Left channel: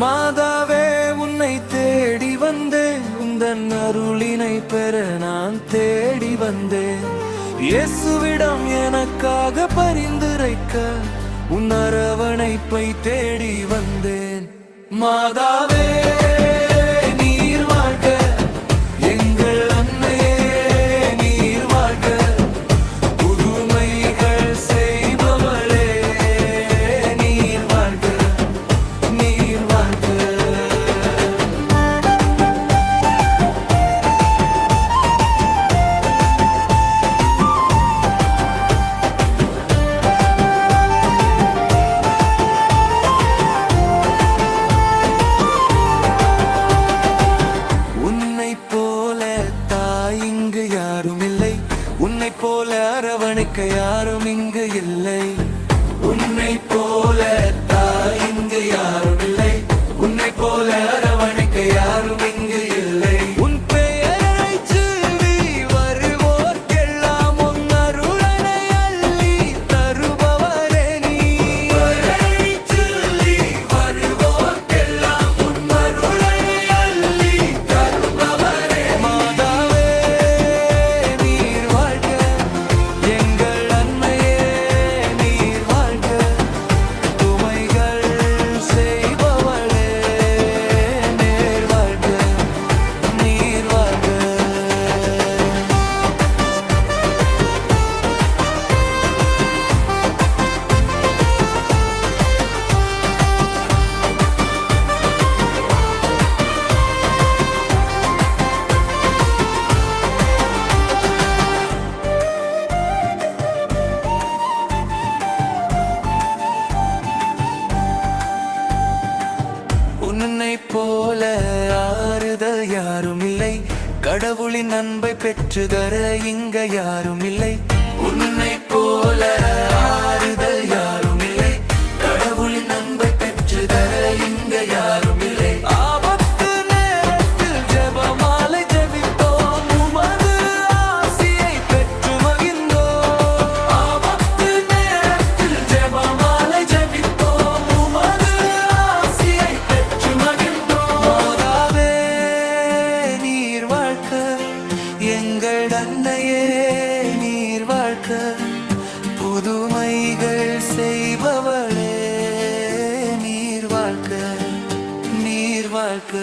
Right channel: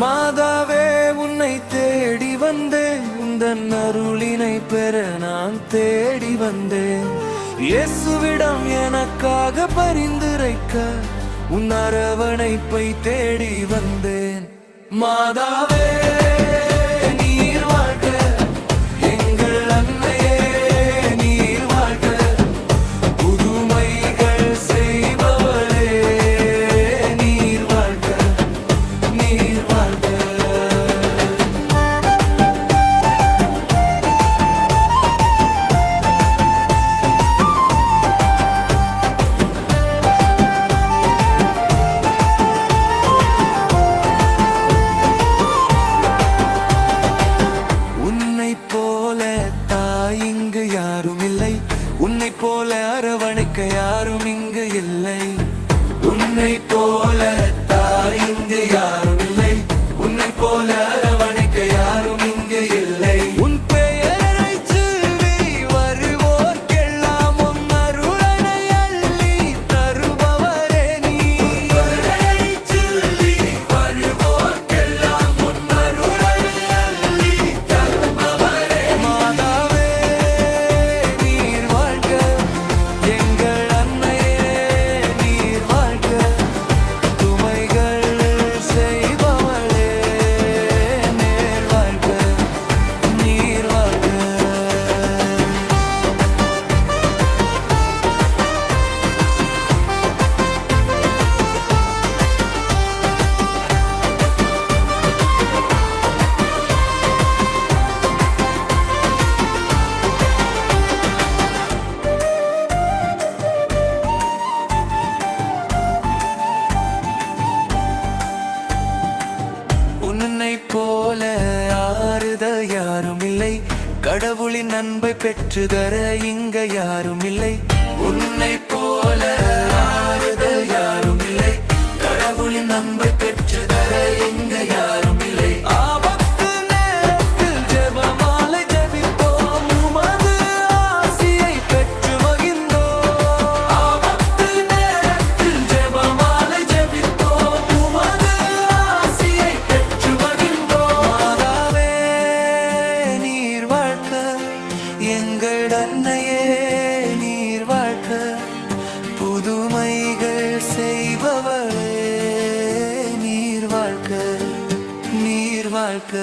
மாதாவே உன்னை தேடி வந்தேன், உந்தன் அருளினை பெற நான் தேடி வந்தேன். இயேசுவிடம் எனக்காக பரிந்துரைக்க உன் அரவணைப்பை தேடி வந்தேன். மாதாவே நீர் வாழ்க, எங்கள் அன்னையே நீர் வாழ்க, புதுமைகள் செய்பவளே நீர் வாழ்க, நீர் வாழ்க. உன்னைப் போல தாய் இங்கு யாரும் இல்லை, உன்னைப் போல அரவணைக்க யாரும் இங்கு இல்லை. உன்னைப் போல தாய் இங்கு யாரும் இல்லை, உன்னைப் போல அரவணைக்க யாரும் இங்கு இல்லை. உன் பெயரை சொல்லி வருவோர்க்கெல்லாம் உன் அருளனை அள்ளி தருபவரே நீ. சொல்லி வருவோர்க்கெல்லாம் உன் அருளனை அள்ளி தருபவரே. மாதாவே நீர் வாழ்க, எங்கள் அன்னையே நீர் வாழ்க, துமைகள் செய்பவளே நேர் வாழ்க, நீர் வாழ்க. உன்னைப் போல ஆறுதல் யாரும் இல்லை, கடவுளின் அன்பை பெற்று தர இங்க யாரும் இல்லை. உன்னைப் போல ஆறுதல் யாரும் இல்லை, கடவுளின் அன்பை பெற்று தர இங்க யாரும் இல்லை. ஆபத்து நேரத்தில் ஜெபமாலை ஜெபித்தோம், உமது ஆசியை பெற்று மகிழ்ந்தோம். ஆபத்து நேரத்தில் ஜெபமாலை ஜெபித்தோம், உமது ஆசியை பெற்று மகிழ்ந்தோம். மாதாவே நீர் வாழ்க, எங்கள் அன்னையே நீர் வாழ்க, புதுமைகள் செய்பவளே நீர் வாழ்க, நீர் வாழ்க.